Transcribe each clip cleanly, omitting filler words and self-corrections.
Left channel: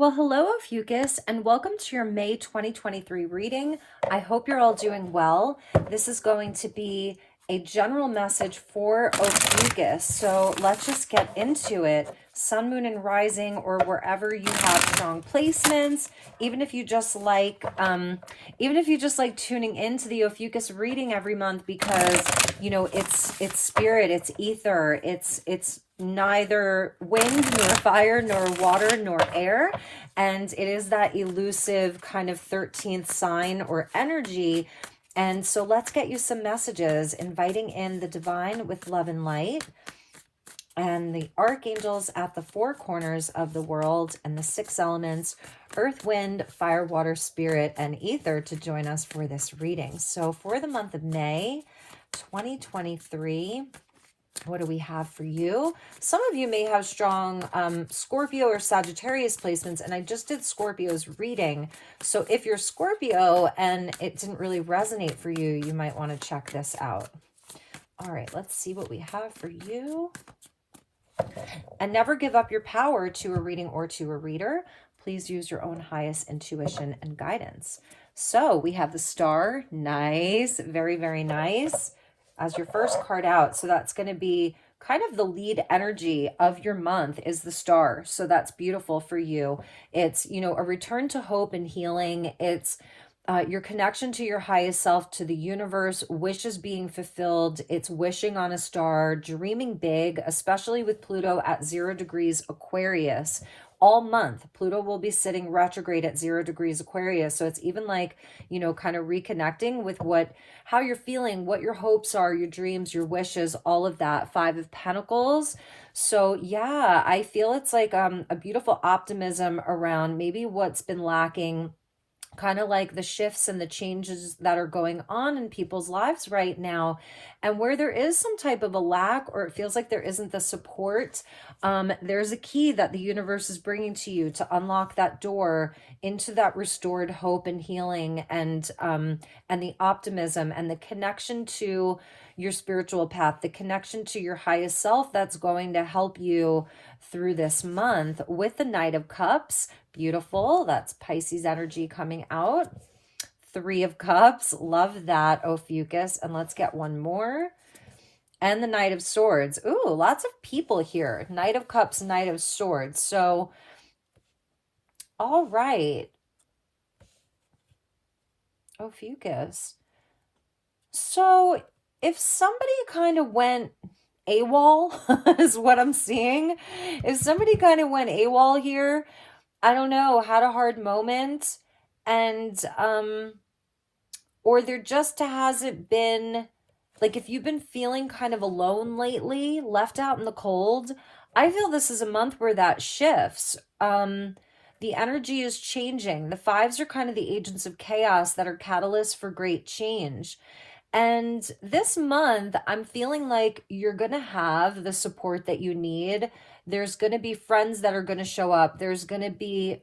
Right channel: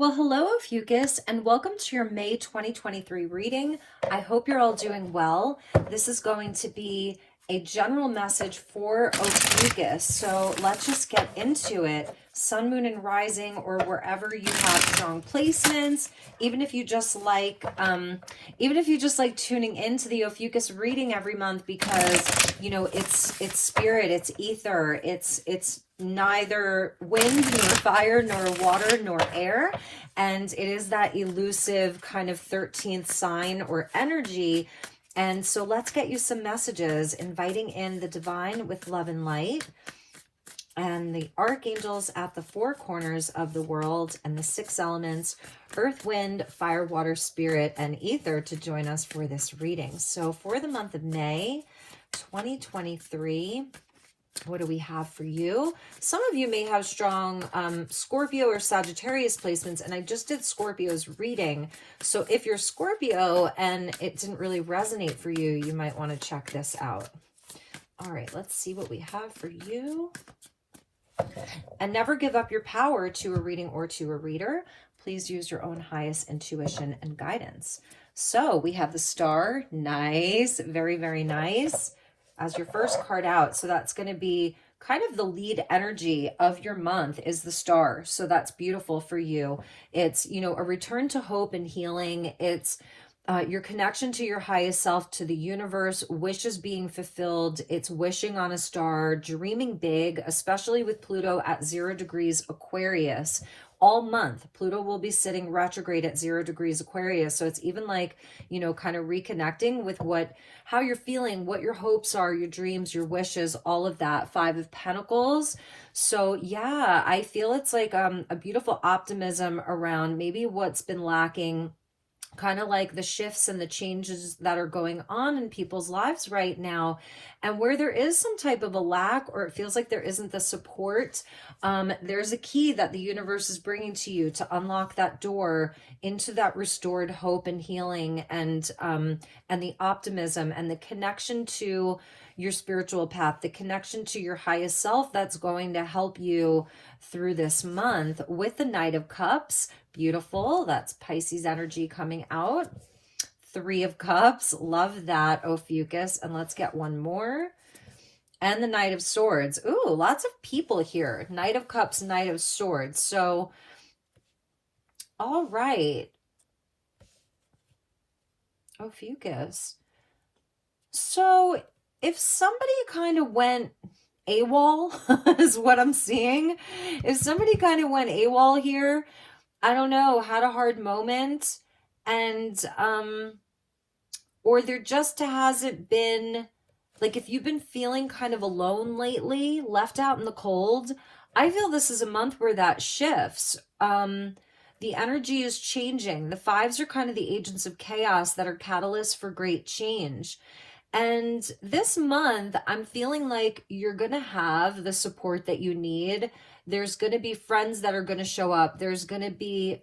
Well, hello, Ophiuchus, and welcome to your May 2023 reading. I hope you're all doing well. This is going to be a general message for Ophiuchus, so let's just get into it. Sun, moon, and rising, or wherever you have strong placements. Even if you just like tuning into the Ophiuchus reading every month, because it's spirit, it's ether, it's neither wind nor fire nor water nor air, and it is that elusive kind of 13th sign or energy. And so let's get you some messages, inviting in the divine with love and light, and the archangels at the four corners of the world, and the six elements, earth, wind, fire, water, spirit, and ether, to join us for this reading. So for the month of May 2023, what do we have for you? Some of you may have strong Scorpio or Sagittarius placements, and I just did Scorpio's reading. So if you're Scorpio and it didn't really resonate for you, you might want to check this out. All right, let's see what we have for you. And never give up your power to a reading or to a reader. Please use your own highest intuition and guidance. So we have the star. Nice. Very, very nice. As your first card out. So that's going to be kind of the lead energy of your month is the star. So that's beautiful for you. It's, a return to hope and healing. It's your connection to your highest self, to the universe, wishes being fulfilled. It's wishing on a star, dreaming big, especially with Pluto at 0 degrees Aquarius. All month, Pluto will be sitting retrograde at 0 degrees Aquarius. So it's even like, kind of reconnecting with how you're feeling, what your hopes are, your dreams, your wishes, all of that. 5 of Pentacles. So yeah, I feel it's like a beautiful optimism around maybe what's been lacking, kind of like the shifts and the changes that are going on in people's lives right now, and where there is some type of a lack, or it feels like there isn't the support. There's a key that the universe is bringing to you to unlock that door into that restored hope and healing, and the optimism and the connection to your spiritual path, the connection to your highest self, that's going to help you through this month with the Knight of Cups. Beautiful. That's Pisces energy coming out. 3 of Cups. Love that, Ophiuchus. And let's get one more. And the Knight of Swords. Ooh, lots of people here. Knight of Cups, Knight of Swords. So, all right. Ophiuchus. So, if somebody kind of went AWOL, is what I'm seeing. If somebody kind of went AWOL here, I don't know, had a hard moment, and or there just hasn't been, like, if you've been feeling kind of alone lately, left out in the cold, I feel this is a month where that shifts. The energy is changing. The 5s are kind of the agents of chaos that are catalysts for great change. And this month, I'm feeling like you're going to have the support that you need. There's going to be friends that are going to show up. There's going to be,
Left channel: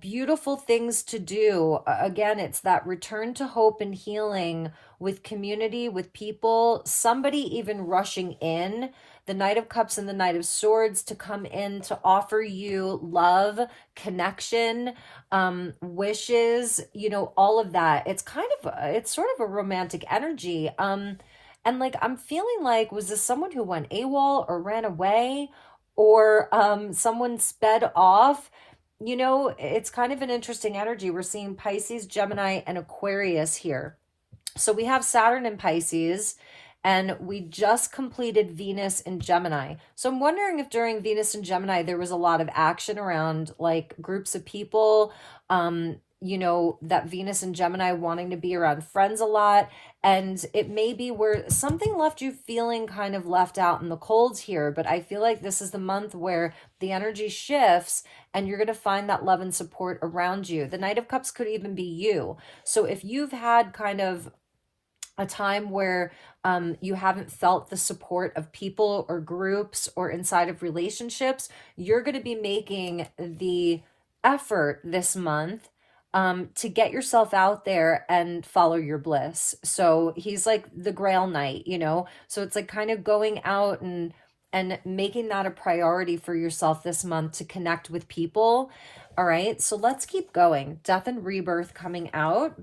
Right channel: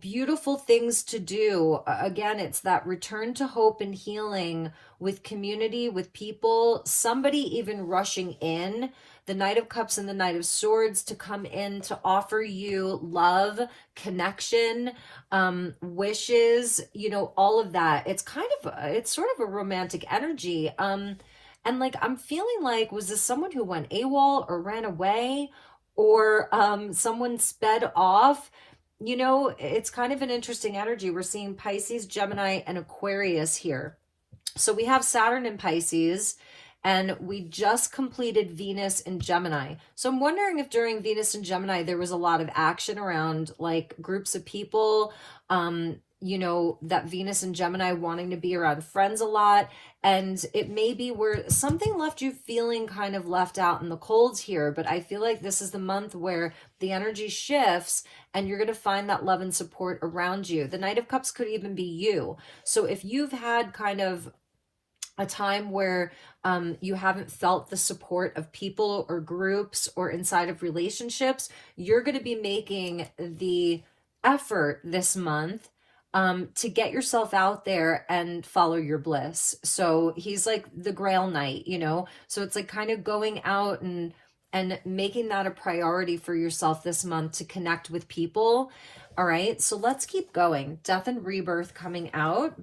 beautiful things to do. Again, it's that return to hope and healing with community, with people, somebody even rushing in. The Knight of Cups and the Knight of Swords to come in to offer you love, connection, wishes, all of that. It's sort of a romantic energy. And like, I'm feeling like, was this someone who went AWOL or ran away, or someone sped off? It's kind of an interesting energy. We're seeing Pisces, Gemini, and Aquarius here. So we have Saturn in Pisces, and we just completed Venus in Gemini. So I'm wondering if during Venus and Gemini, there was a lot of action around like groups of people, that Venus and Gemini wanting to be around friends a lot. And it may be where something left you feeling kind of left out in the cold here. But I feel like this is the month where the energy shifts and you're going to find that love and support around you. The Knight of Cups could even be you. So if you've had kind of a time where you haven't felt the support of people or groups or inside of relationships, you're going to be making the effort this month to get yourself out there and follow your bliss. So he's like the Grail Knight, so it's like kind of going out and and making that a priority for yourself this month to connect with people. All right, so let's keep going. Death and rebirth coming out.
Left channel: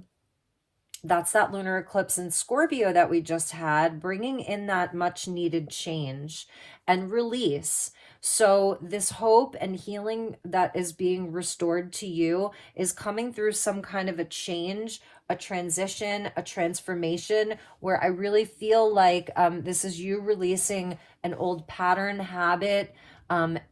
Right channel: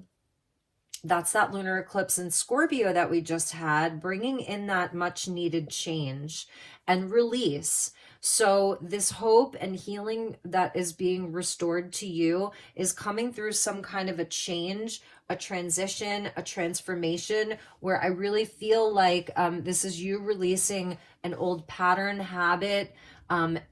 That's that lunar eclipse in Scorpio that we just had, bringing in that much needed change and release. So this hope and healing that is being restored to you is coming through some kind of a change, a transition, a transformation, where I really feel like this is you releasing an old pattern, habit,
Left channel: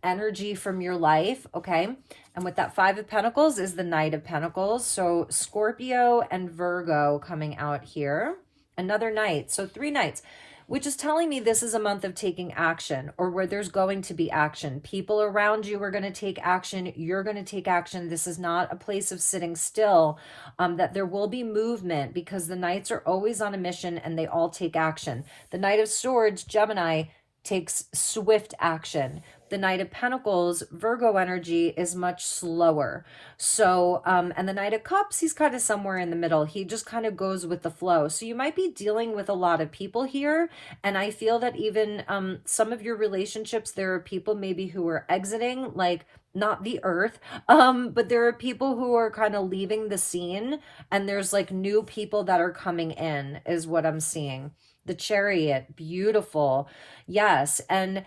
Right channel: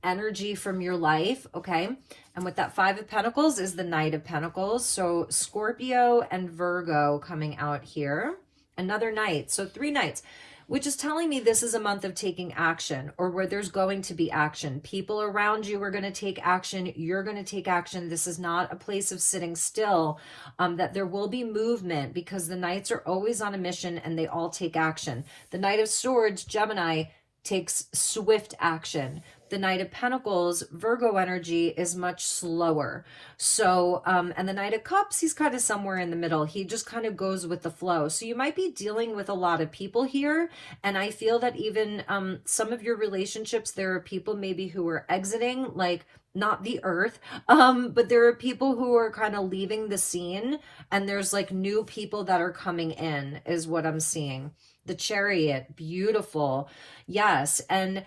energy from your life, okay? And with that Five of Pentacles is the Knight of Pentacles. So Scorpio and Virgo coming out here. Another Knight. So 3 Knights, which is telling me this is a month of taking action, or where there's going to be action. People around you are going to take action. You're going to take action. This is not a place of sitting still, that there will be movement, because the Knights are always on a mission and they all take action. The Knight of Swords, Gemini, takes swift action. The Knight of Pentacles, Virgo energy, is much slower. So, and the Knight of Cups, he's kind of somewhere in the middle. He just kind of goes with the flow. So you might be dealing with a lot of people here. And I feel that even some of your relationships, there are people maybe who are exiting, like not the earth, but there are people who are kind of leaving the scene, and there's like new people that are coming in, is what I'm seeing. The Chariot, beautiful. Yes. And,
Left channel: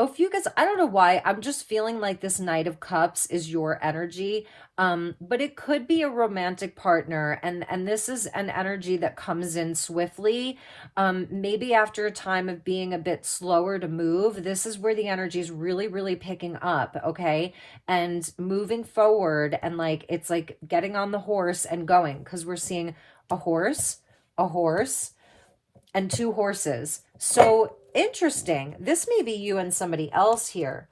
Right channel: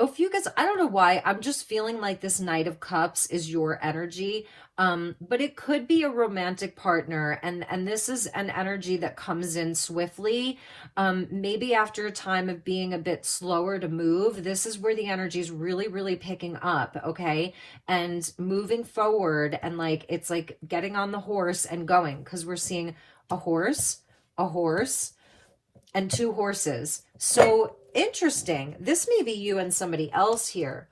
Ophiuchus, I don't know why, I'm just feeling like this Knight of Cups is your energy, but it could be a romantic partner, and this is an energy that comes in swiftly, maybe after a time of being a bit slower to move. This is where the energy is really, really picking up, okay, and moving forward, and like it's like getting on the horse and going, because we're seeing a horse, and 2 horses. So interesting. This may be you and somebody else here.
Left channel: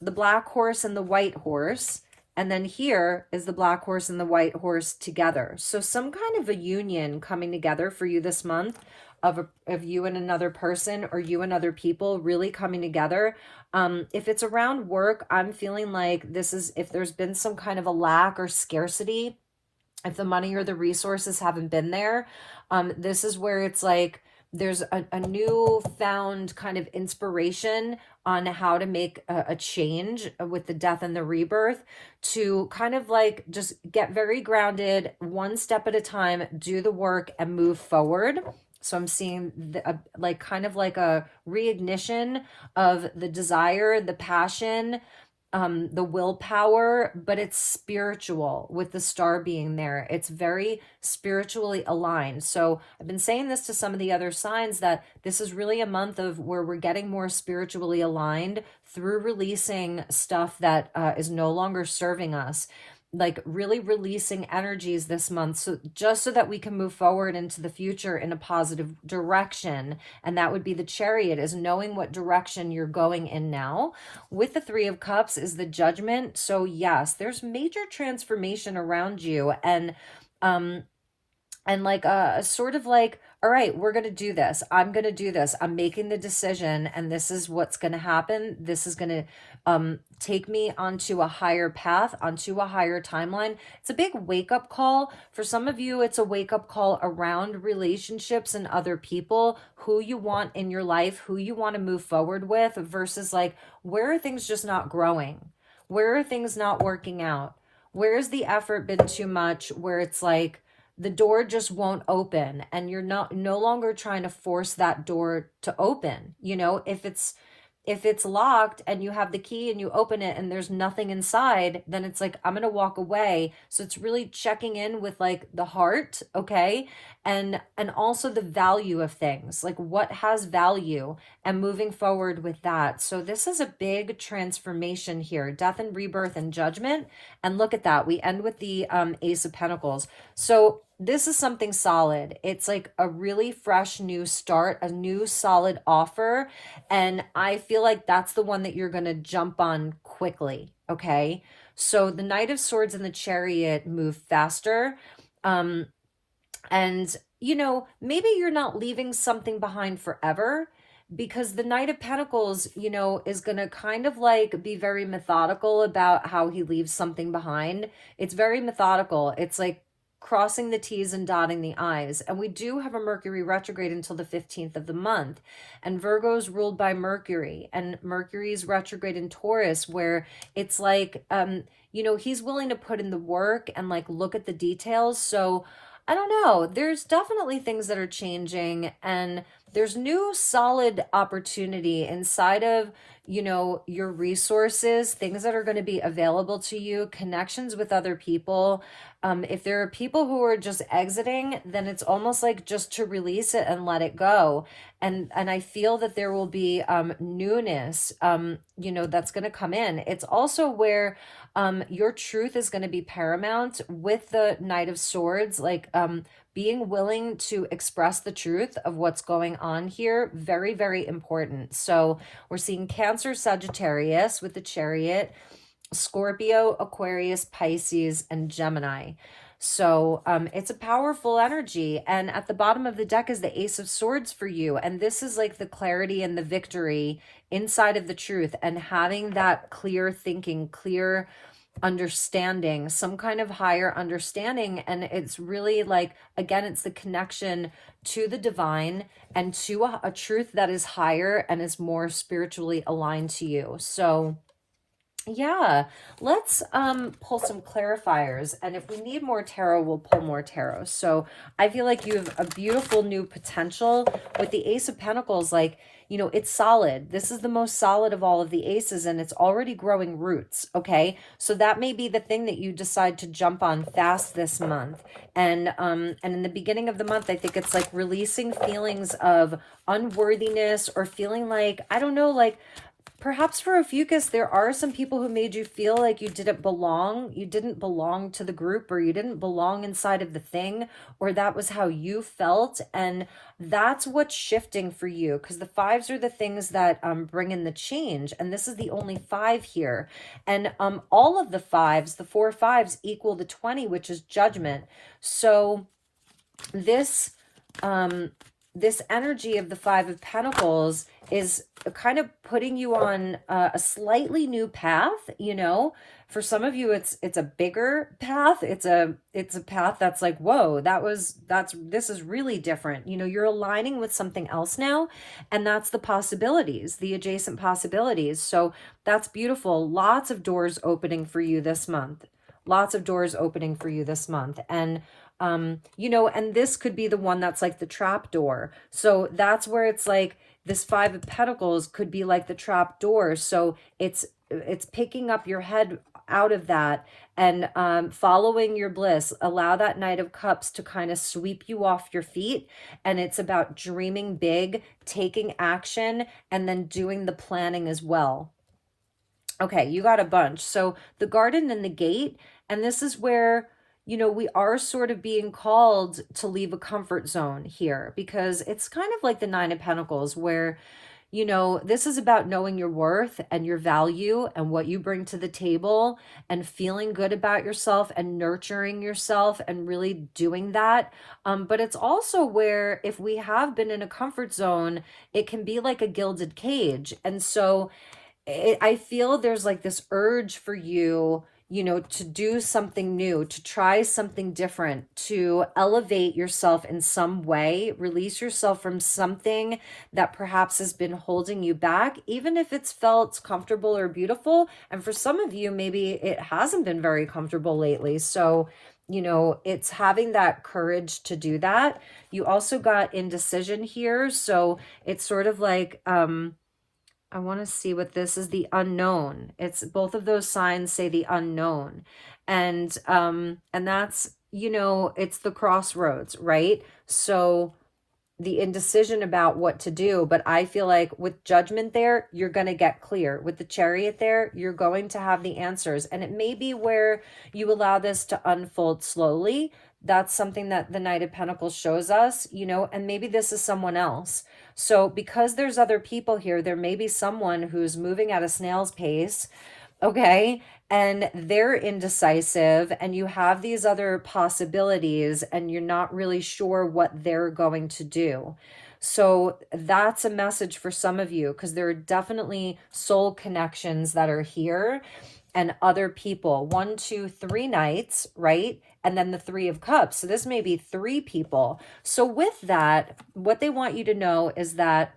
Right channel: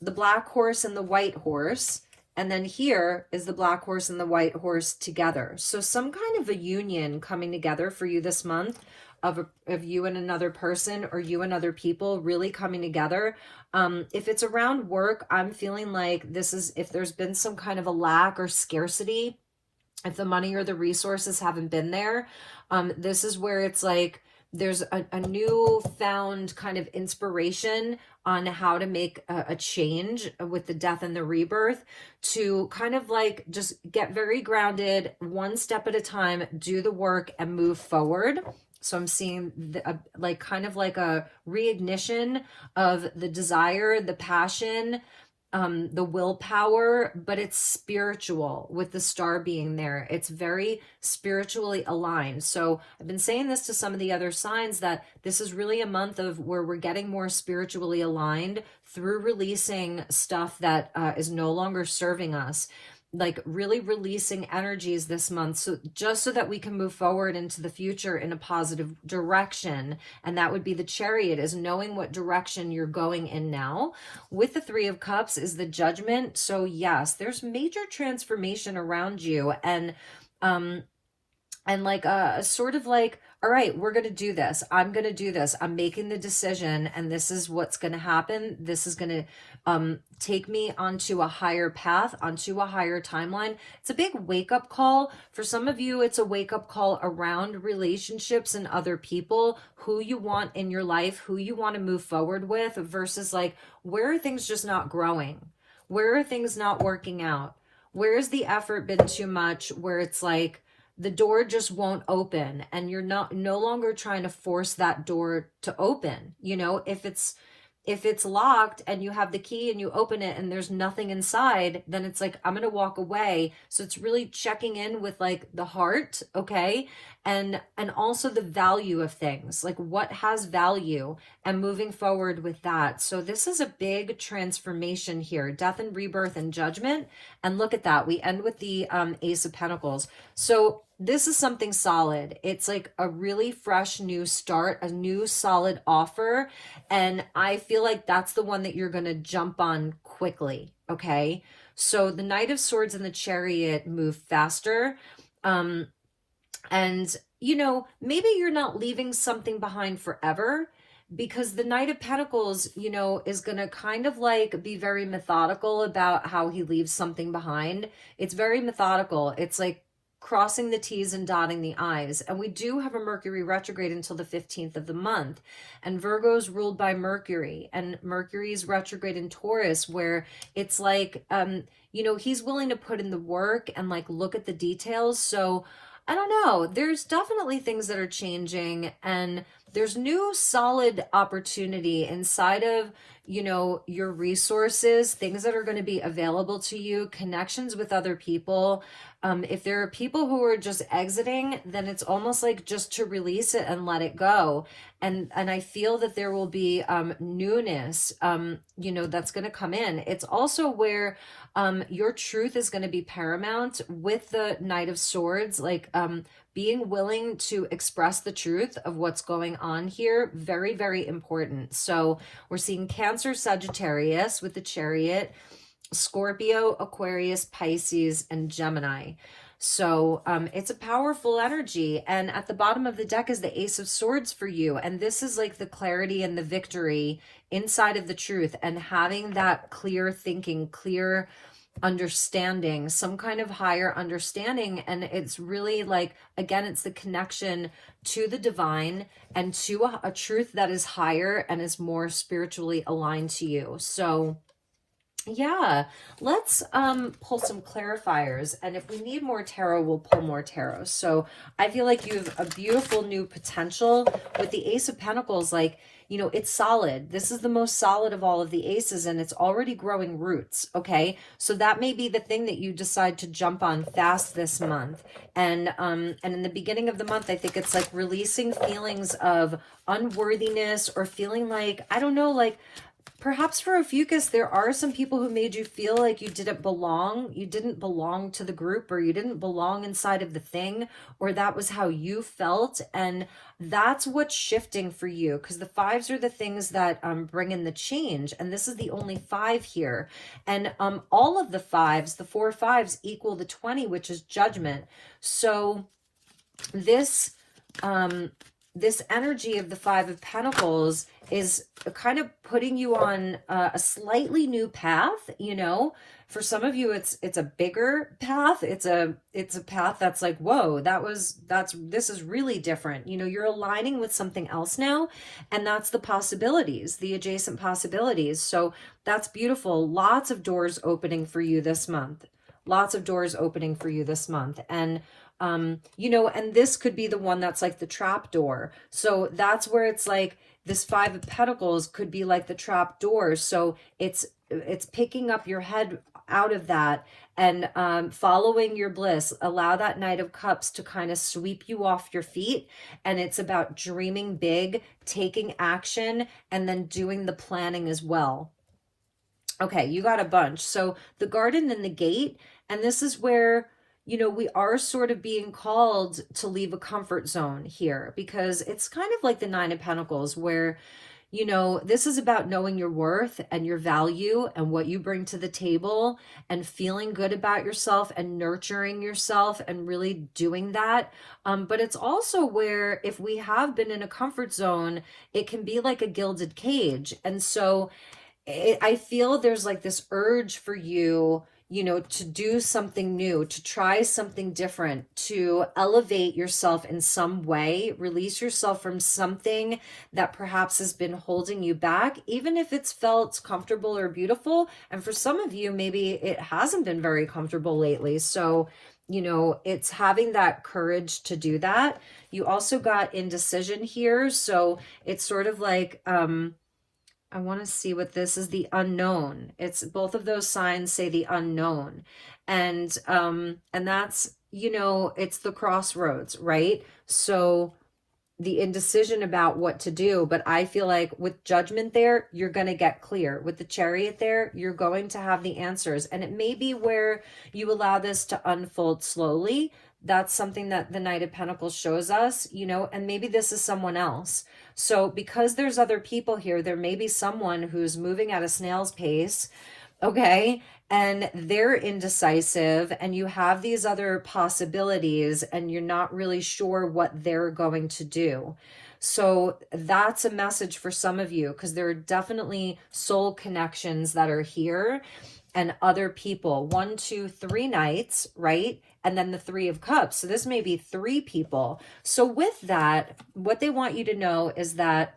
The black horse and the white horse. And then here is the black horse and the white horse together. So some kind of a union coming together for you this month of you and another person, or you and other people really coming together. If it's around work, I'm feeling like this is, if there's been some kind of a lack or scarcity, if the money or the resources haven't been there, this is where it's like there's a newfound kind of inspiration on how to make a change with the death and the rebirth, to kind of like just get very grounded, one step at a time, do the work and move forward. So I'm seeing like kind of like a reignition of the desire, the passion, the willpower, but it's spiritual with the star being there. It's very spiritually aligned. So I've been saying this to some of the other signs, that this is really a month of where we're getting more spiritually aligned through releasing stuff that is no longer serving us. Like really releasing energies this month, so just so that we can move forward into the future in a positive direction. And that would be the Chariot, is knowing what direction you're going in now. With the 3 of Cups is the Judgment. So yes, there's major transformation around you, and like a sort of like, all right, we're going to do this. I'm going to do this. I'm making the decision, and this is what's going to happen. This is going to take me onto a higher path, onto a higher timeline. It's a big wake-up call. For some of you, it's a wake-up call around relationships and other people, who you want in your life, who you want to move forward with, versus like, where are things just not growing? Where are things not working out? Where has the effort been too much, where it's like, the door just won't open, and you're no longer trying to force that door to open. You know, if it's locked and you have the key and you open it and there's nothing inside, then it's like, I'm going to walk away. So it's really checking in with like the heart, okay? And also the value of things, like what has value, and moving forward with that. So this is a big transformation here, death and rebirth and judgment. And look at that. We end with the Ace of Pentacles. So this is something solid. It's like a really fresh new start, a new solid offer. And I feel like that's the one that you're going to jump on quickly. Okay. So the Knight of Swords and the Chariot move faster. And, you know, maybe you're not leaving something behind forever, because the Knight of Pentacles, you know, is going to kind of like be very methodical about how he leaves something behind. It's very methodical. It's like crossing the T's and dotting the I's. And we do have a Mercury retrograde until the 15th of the month. And Virgo's ruled by Mercury, and Mercury's retrograde in Taurus, where it's like, he's willing to put in the work and like look at the details. So I don't know, there's definitely things that are changing, and there's new solid opportunity inside of, your resources, things that are going to be available to you, connections with other people. If there are people who are just exiting, then it's almost like just to release it and let it go. And I feel that there will be newness, that's going to come in. It's also where your truth is going to be paramount with the Knight of Swords, like being willing to express the truth of what's going on here. Very, very important. So we're seeing Cancer, Sagittarius with the Chariot, Scorpio, Aquarius, Pisces, and Gemini. So it's a powerful energy. And at the bottom of the deck is the Ace of Swords for you. And this is like the clarity and the victory inside of the truth, and having that clear thinking, clear understanding, some kind of higher understanding. And it's really like, again, it's the connection to the divine and to a truth that is higher and is more spiritually aligned to you. So yeah, let's pull some clarifiers, and if we need more tarot, we'll pull more tarot. So I feel like you have a beautiful new potential with the Ace of Pentacles. Like, it's solid. This is the most solid of all of the aces, and it's already growing roots. Okay, so that may be the thing that you decide to jump on fast this month. And in the beginning of the month, I think it's like releasing feelings of unworthiness, or feeling like, I don't know, like perhaps for Ophiuchus, there are some people who made you feel like you didn't belong. You didn't belong to the group, or you didn't belong inside of the thing, or that was how you felt. And that's what's shifting for you, because the fives are the things that bring in the change. And this is the only 5 here. And all of the fives, the 4 fives, equal the 20, which is judgment. So this energy of the 5 of Pentacles is kind of putting you on a slightly new path. For some of you, it's a bigger path. It's a path that's like, whoa, this is really different. You're aligning with something else now, and that's the possibilities, the adjacent possibilities. So that's beautiful. Lots of doors opening for you this month. Lots of doors opening for you this month. And and this could be the one that's like the trap door. So that's where it's like this 5 of Pentacles could be like the trap door. So it's picking up your head out of that and following your bliss. Allow that Knight of Cups to kind of sweep you off your feet. And it's about dreaming big, taking action, and then doing the planning as well. Okay, you got a bunch. So the Garden and the Gate, and this is where we are sort of being called to leave a comfort zone here, because it's kind of like the 9 of Pentacles, where, this is about knowing your worth and your value and what you bring to the table, and feeling good about yourself and nurturing yourself and really doing that. But it's also where, if we have been in a comfort zone, it can be like a gilded cage. And so I feel there's like this urge for you, to do something new, to try something different, to elevate yourself in some way, release yourself from something that perhaps has been holding you back, even if it's felt comfortable or beautiful. And for some of you, maybe it hasn't been very comfortable lately. So, it's having that courage to do that. You also got indecision here. So it's sort of like, I want to see what this is, the unknown. It's both of those signs say the unknown. And that's, it's the crossroads, right? So the indecision about what to do, but I feel like with Judgment there, you're going to get clear. With the Chariot there, you're going to have the answers. And it may be where you allow this to unfold slowly. That's something that the Knight of Pentacles shows us, and maybe this is someone else. So because there's other people here, there may be someone who's moving at a snail's pace, okay? And they're indecisive, and you have these other possibilities, and you're not really sure what they're going to do. So that's a message for some of you, because there are definitely soul connections that are here and other people. 1, 2, 3 knights, right? And then the 3 of cups. So this may be 3 people. So with that, what they want you to know is that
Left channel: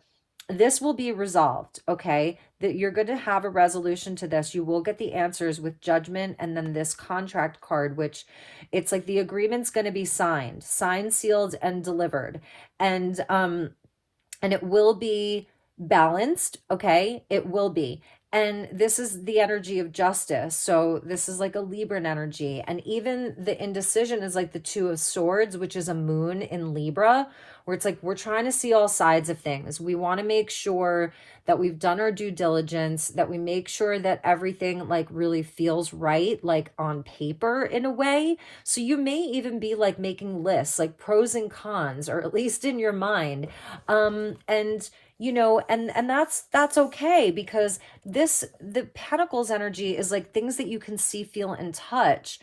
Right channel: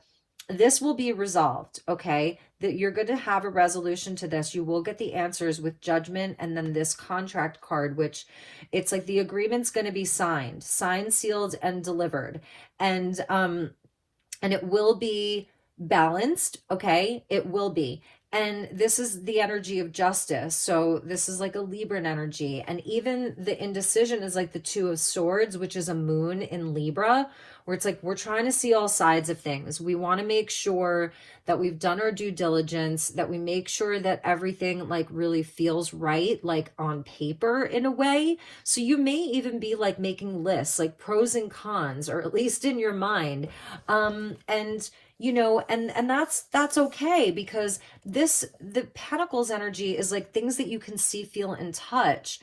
this will be resolved, okay? That you're going to have a resolution to this. You will get the answers with judgment and then this contract card, which it's like the agreement's going to be signed, sealed, and delivered. And it will be balanced, okay? It will be. And this is the energy of justice. So this is like a Libran energy. And even the indecision is like the 2 of swords, which is a moon in Libra, where it's like, we're trying to see all sides of things. We want to make sure that we've done our due diligence, that we make sure that everything like really feels right, like on paper in a way. So you may even be like making lists, like pros and cons, or at least in your mind. And you know, and that's okay, because the Pentacles energy is like things that you can see, feel, and touch.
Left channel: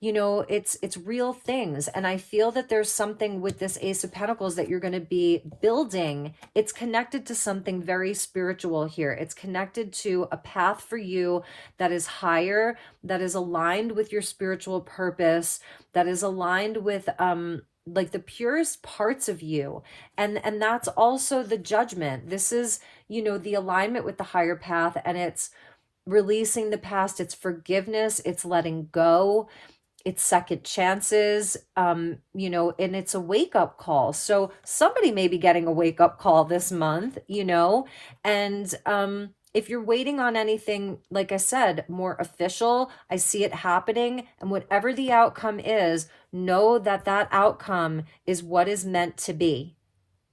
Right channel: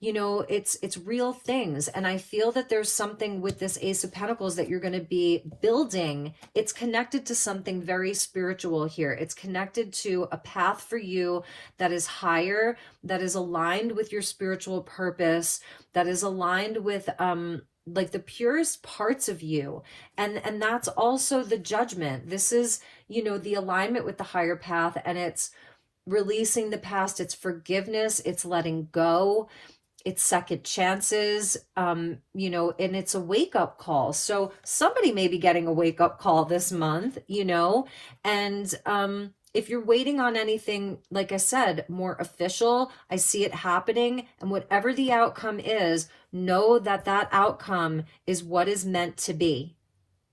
You know, it's real things. And I feel that there's something with this Ace of Pentacles that you're going to be building. It's connected to something very spiritual here. It's connected to a path for you that is higher, that is aligned with your spiritual purpose, that is aligned with like the purest parts of you. And that's also the judgment. This is, you know, the alignment with the higher path, and it's releasing the past, it's forgiveness, it's letting go, it's second chances, you know, and it's a wake-up call. So somebody may be getting a wake-up call this month, you know, and if you're waiting on anything, like I said, more official, I see it happening. And whatever the outcome is, know that that outcome is what is meant to be.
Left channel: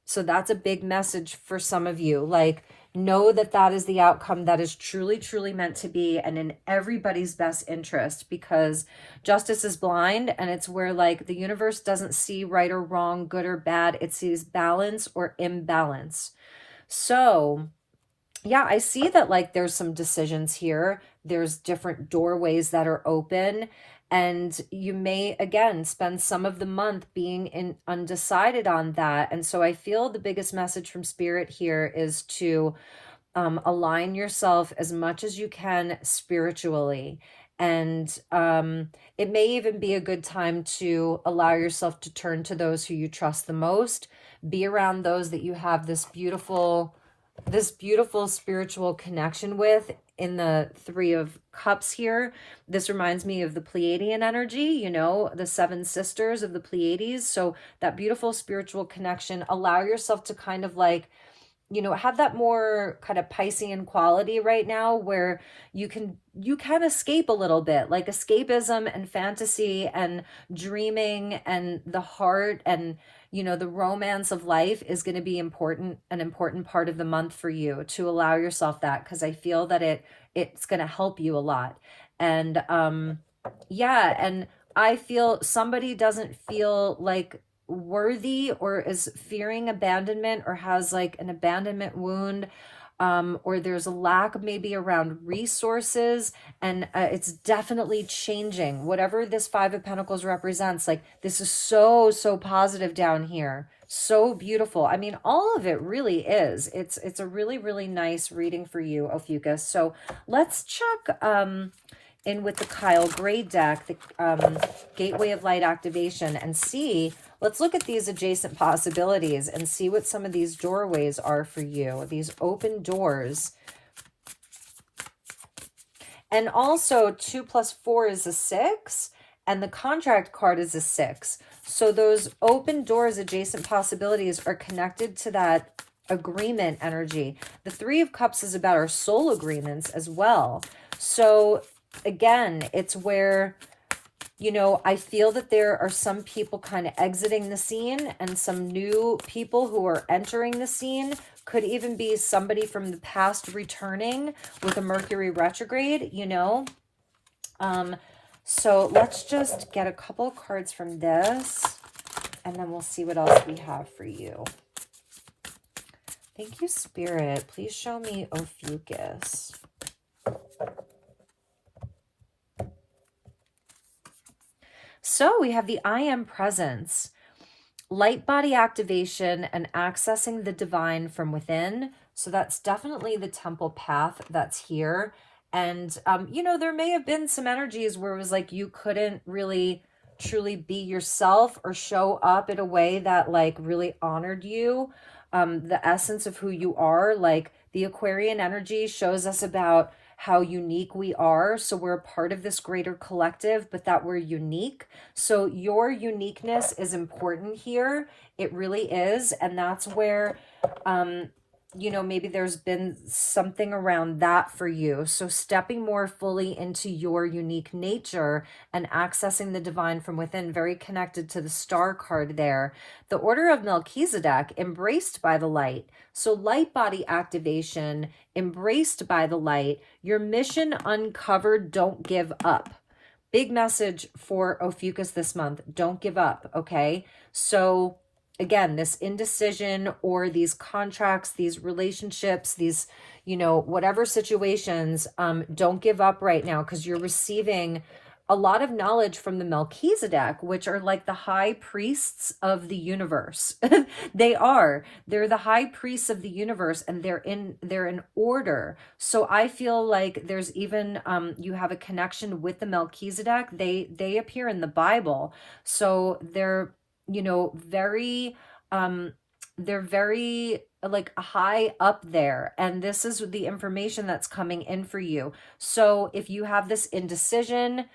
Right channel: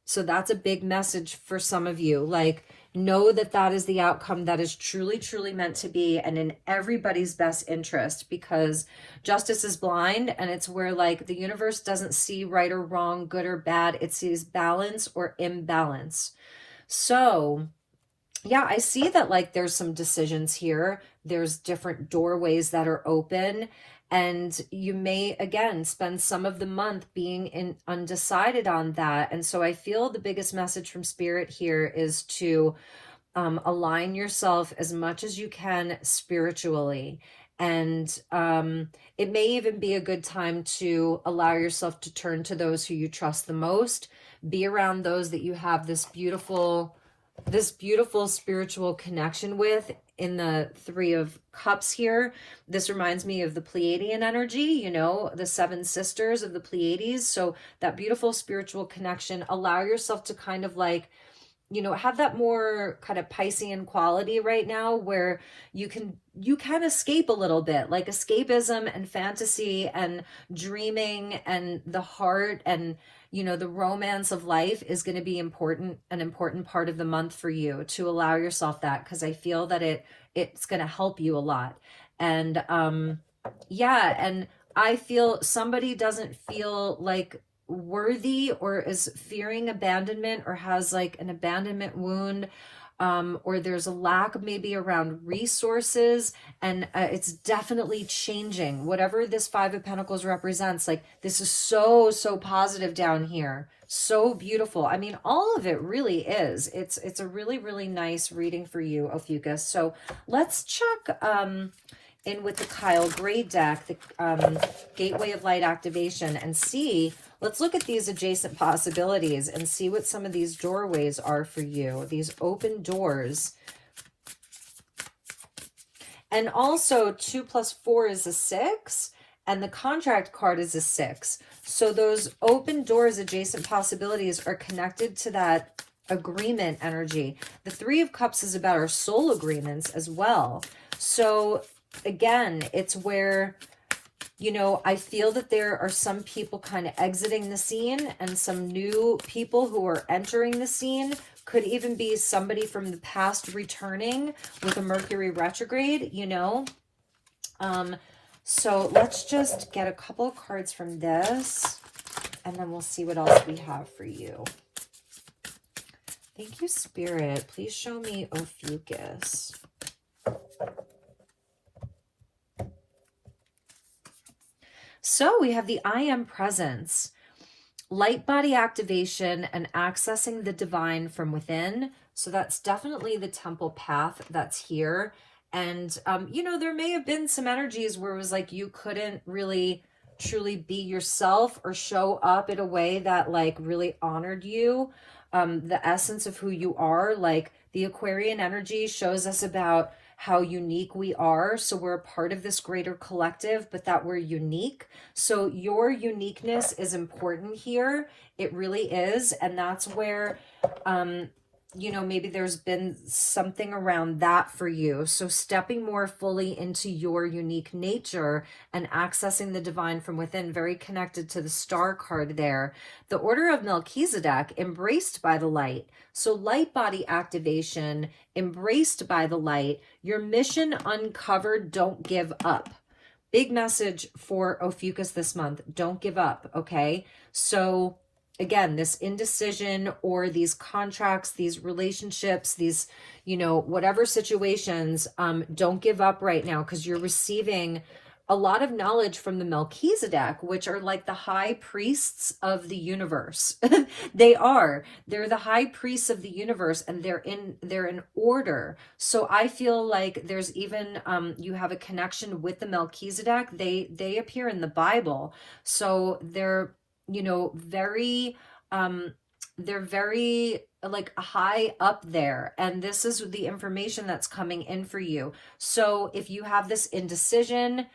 So that's a big message for some of you. Like, know that that is the outcome that is truly, truly meant to be, and in everybody's best interest, because justice is blind, and it's where like the universe doesn't see right or wrong, good or bad. It sees balance or imbalance. So yeah, I see that like there's some decisions here. There's different doorways that are open, and you may again spend some of the month being undecided on that. And so I feel the biggest message from Spirit here is to align yourself as much as you can spiritually. And it may even be a good time to allow yourself to turn to those who you trust the most. Be around those that you have this beautiful spiritual connection with. In the 3 of Cups here, this reminds me of the Pleiadian energy, you know, the 7 sisters of the Pleiades. So that beautiful spiritual connection, allow yourself to kind of like, you know, have that more kind of Piscean quality right now, where you can escape a little bit, like escapism and fantasy and dreaming and the heart, and you know, the romance of life is going to be an important part of the month for you to allow yourself that, because I feel that it's going to help you a lot. And yeah, and I feel somebody doesn't feel like worthy, or is fearing abandonment, or has like an abandonment wound, or there's a lack maybe around resources, and it's definitely changing. Whatever this 5 of Pentacles represents, like this is so positive down here, so beautiful. I mean, all of it really is. It's a really, really nice reading for you, Ophiuchus. So let's check in with the Kyle Gray deck, the Gateway of Light activation, and see, let's look at these adjacent possibilities and see what some of these doorways are for you, these open doors. And also 2 + 4 is a 6, and the contract card is a 6. So those open doors, adjacent possibilities, are connected to that agreement energy. The 3 of Cups is about our soul agreements as well. So again, it's where, you know, I feel that there are some people kind of exiting the scene and some new people who are entering the scene. Could even be somebody from the past returning with a Mercury retrograde, you know. So let's just get a couple of cards from this, and then we'll see what else we have for you. Thank you, Spirit. Please show me Ophiuchus. So we have the I Am Presence. light body activation and accessing the divine from within. So that's definitely the temple path that's here. And, you know, there may have been some energies where it was like you couldn't really truly be yourself or show up in a way that like really honored you, the essence of who you are. Like the Aquarian energy shows us about how unique we are. So we're a part of this greater collective, but that we're unique. So your uniqueness is important here. It really is. And that's where, you know, maybe there's been something around that for you. So stepping more fully into your unique nature and accessing the divine from within, very connected to the star card there. The order of Melchizedek, embraced by the light. So light body activation, embraced by the light. Your mission uncovered, don't give up. Big message for Ophiuchus this month. Don't give up, okay? So again, this indecision or these contracts, these relationships, these, you know, whatever situations, don't give up right now, because you're receiving a lot of knowledge from the Melchizedek, which are like the high priests of the universe. They're the high priests of the universe, and they're in order. So I feel like there's even, you have a connection with the Melchizedek. They appear in the Bible. So they're, you know, they're very like high up there, and this is the information that's coming in for you. So if you have this indecision,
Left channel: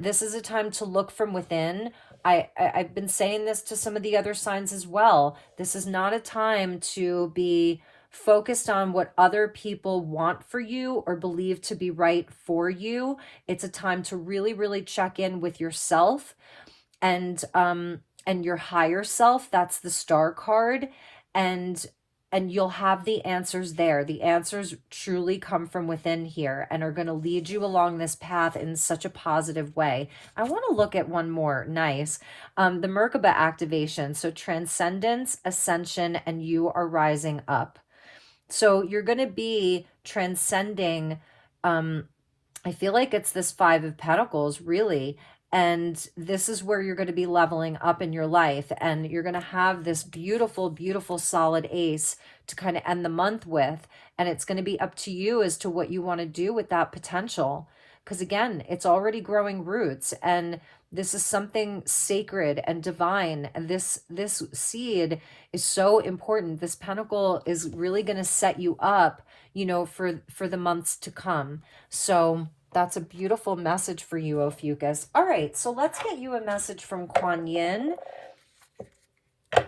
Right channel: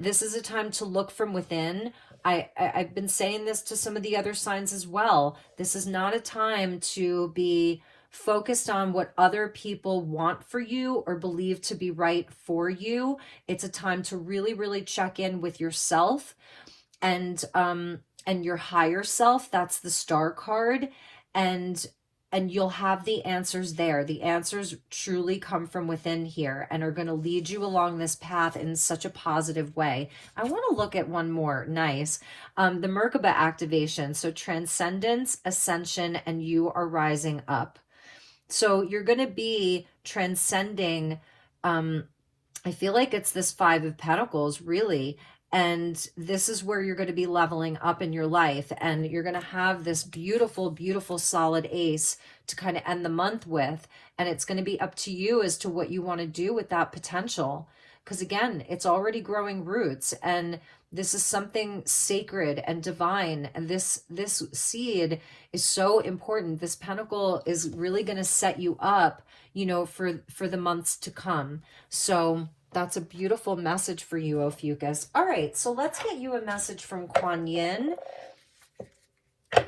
this is a time to look from within. I've been saying this to some of the other signs as well. This is not a time to be focused on what other people want for you or believe to be right for you. It's a time to really, really check in with yourself and your higher self. That's the star card. And you'll have the answers there. The answers truly come from within here and are going to lead you along this path in such a positive way. I want to look at one more. Nice. The Merkaba activation. So transcendence, ascension, and you are rising up. So you're going to be transcending. I feel like it's this Five of Pentacles, really. And this is where you're going to be leveling up in your life. And you're going to have this beautiful, beautiful solid ace to kind of end the month with. And it's going to be up to you as to what you want to do with that potential. Because again, it's already growing roots. And this is something sacred and divine. And this seed is so important. This pentacle is really going to set you up, you know, for the months to come. So that's a beautiful message for you, Ophiuchus. All right, so let's get you a message from Kuan. I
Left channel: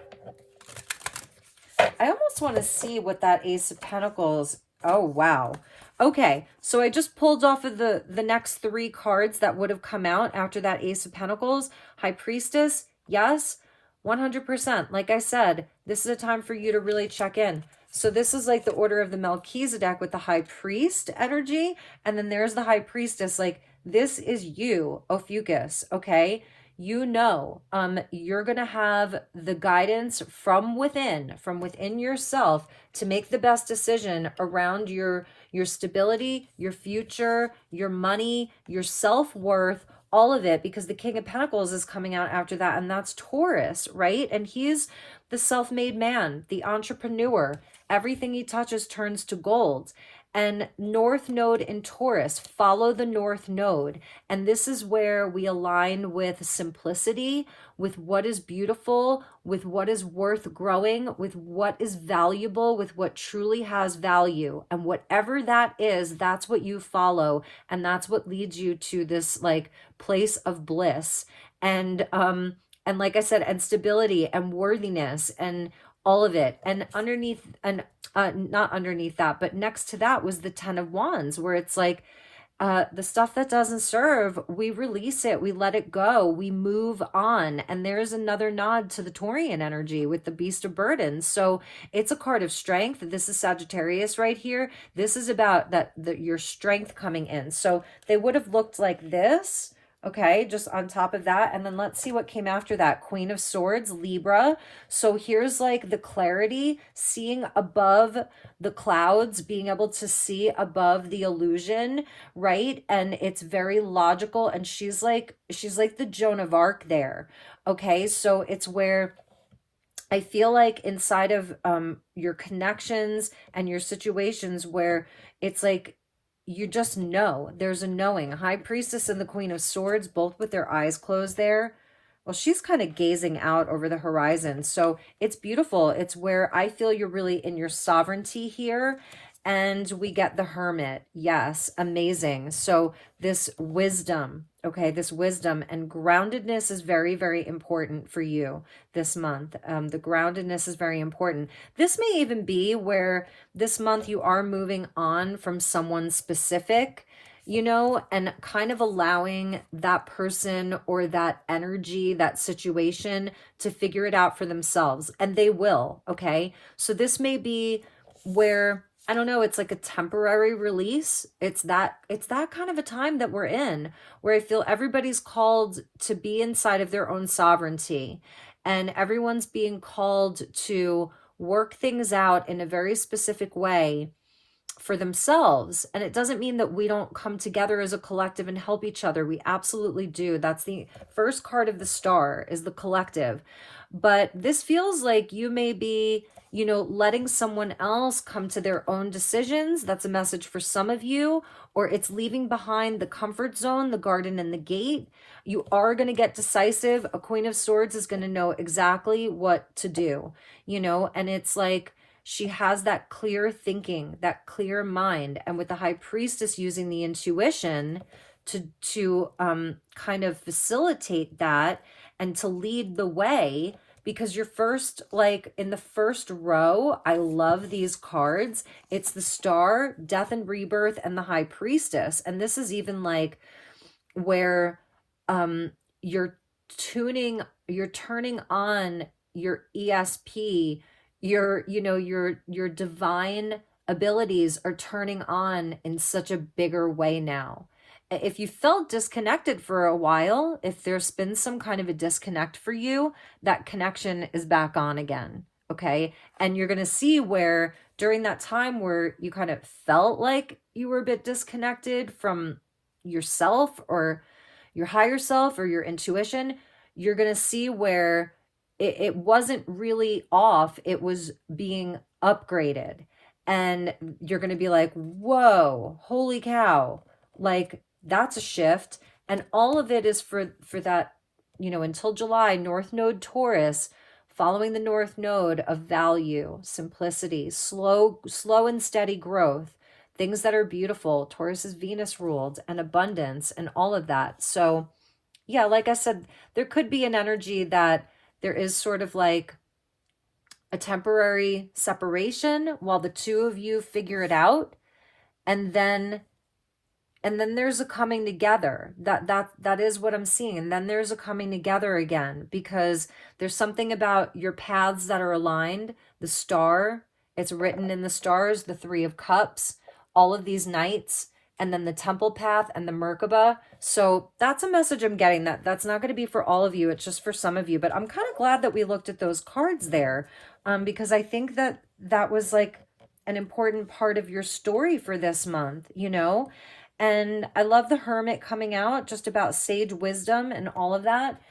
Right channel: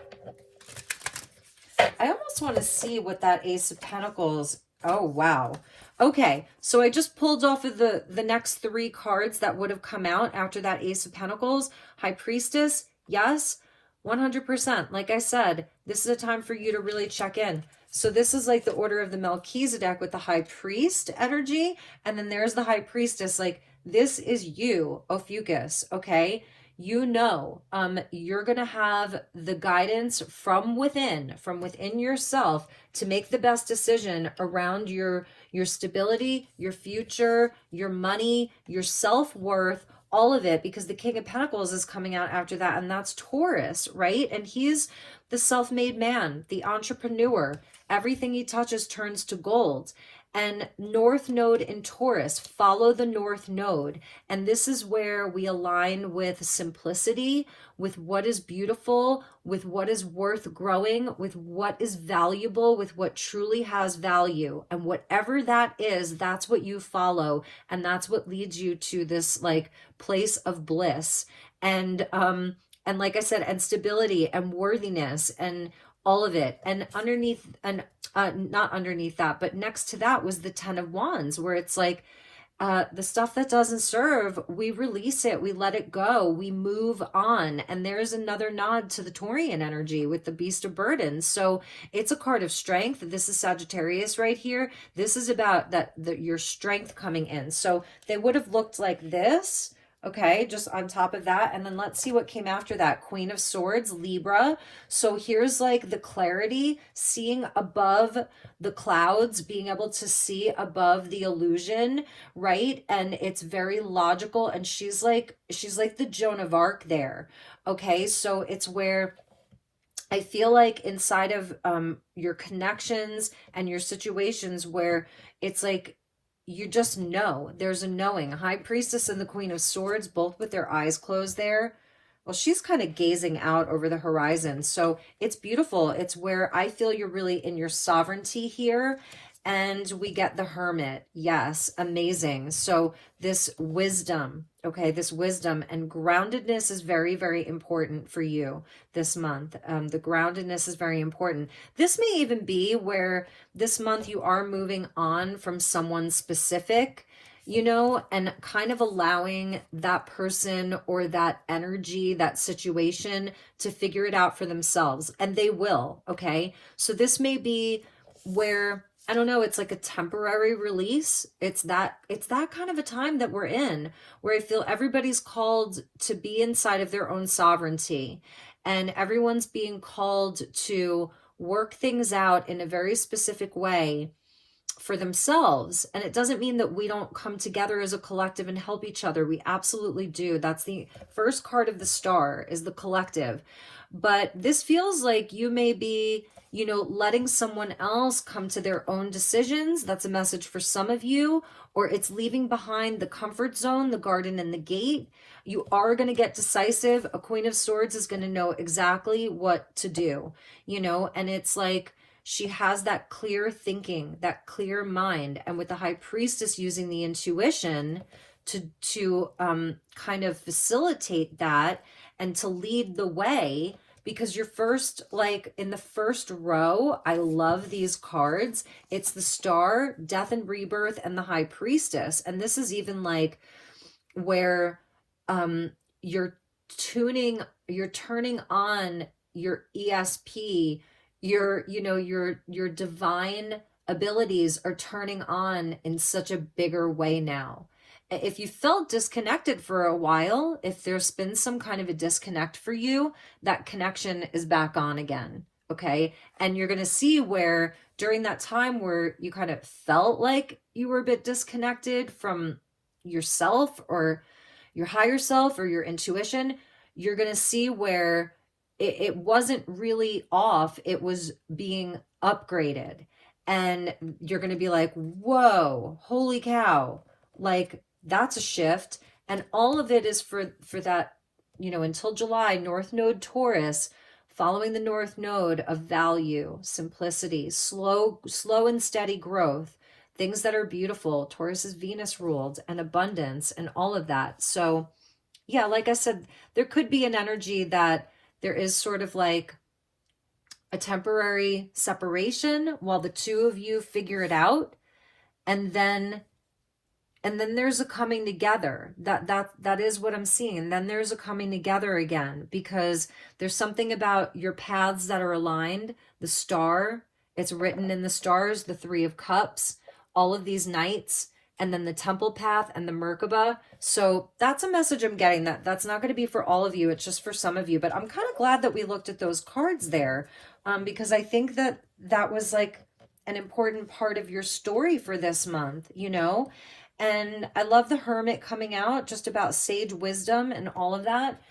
almost want to see what that Ace of Pentacles. Oh, wow. Okay, so I just pulled off of the next three cards that would have come out after that Ace of Pentacles. High Priestess, yes, 100%. Like I said, this is a time for you to really check in. So this is like the order of the Melchizedek with the High Priest energy. And then there's the High Priestess. Like, this is you, Ophiuchus, okay? You know, you're going to have the guidance from within yourself to make the best decision around your stability, your future, your money, your self-worth, all of it, because the King of Pentacles is coming out after that, and that's Taurus, right? And he's the self-made man, the entrepreneur. Everything he touches turns to gold. And North Node in Taurus, follow the North Node. And this is where we align with simplicity, with what is beautiful, with what is worth growing, with what is valuable, with what truly has value. And whatever that is, that's what you follow. And that's what leads you to this like place of bliss. And like I said, and stability and worthiness and all of it. And underneath, and not underneath that, but next to that was the 10 of Wands, where it's like the stuff that doesn't serve, we release it, we let it go, we move on. And there's another nod to the Taurian energy with the Beast of Burdens. So it's a card of strength. This is Sagittarius right here. This is about your strength coming in. So they would have looked like this. Okay, just on top of that. And then let's see what came after that. Queen of Swords, Libra. So here's like the clarity, seeing above the clouds, being able to see above the illusion, right? And it's very logical. And she's like the Joan of Arc there. Okay, so it's where I feel like inside of your connections and your situations where it's like you just know, there's a knowing. High Priestess and the Queen of Swords, both with their eyes closed there. Well, she's kind of gazing out over the horizon. So it's beautiful. It's where I feel you're really in your sovereignty here. And we get the Hermit. Yes, amazing. So this wisdom, okay, this wisdom and groundedness is very, very important for you this month. The groundedness is very important. This may even be where this month you are moving on from someone specific, you know, and kind of allowing that person or that energy, that situation to figure it out for themselves. And they will, okay? So this may be where, I don't know, it's like a temporary release. It's that kind of a time that we're in where I feel everybody's called to be inside of their own sovereignty, and everyone's being called to work things out in a very specific way for themselves. And it doesn't mean that we don't come together as a collective and help each other. We absolutely do. That's the first card of the star, is the collective. But this feels like you may be, you know, letting someone else come to their own decisions. That's a message for some of you. Or it's leaving behind the comfort zone, the garden and the gate. You are going to get decisive. A Queen of Swords is going to know exactly what to do, you know, and it's like she has that clear thinking, that clear mind. And with the High Priestess using the intuition to kind of facilitate that and to lead the way, because you're first, like in the first row, I love these cards. It's the Star, Death and Rebirth, and the High Priestess. And this is even like where you're turning on your ESP, your divine abilities are turning on in such a bigger way now. If you felt disconnected for a while, if there's been some kind of a disconnect for you, that connection is back on again. Okay. And you're going to see where during that time where you kind of felt like you were a bit disconnected from yourself or your higher self or your intuition, you're going to see where it wasn't really off. It was being upgraded. And you're going to be like, whoa, holy cow. Like, that's a shift. And all of it is for that, you know, until July, North Node Taurus, following the North Node of value, simplicity, slow and steady growth, things that are beautiful. Taurus is Venus ruled, and abundance and all of that. So yeah, like I said, there could be an energy that there is sort of like a temporary separation while the two of you figure it out. And then there's a coming together. That is what I'm seeing. And then there's a coming together again, because there's something about your paths that are aligned. The Star, it's written in the stars, the Three of Cups, all of these knights, and then the Temple Path and the Merkaba. So that's a message I'm getting. That's not going to be for all of you. It's just for some of you. But I'm kind of glad that we looked at those cards there, because I think that was like an important part of your story for this month, you know? And I love the Hermit coming out, just about sage wisdom and all of that,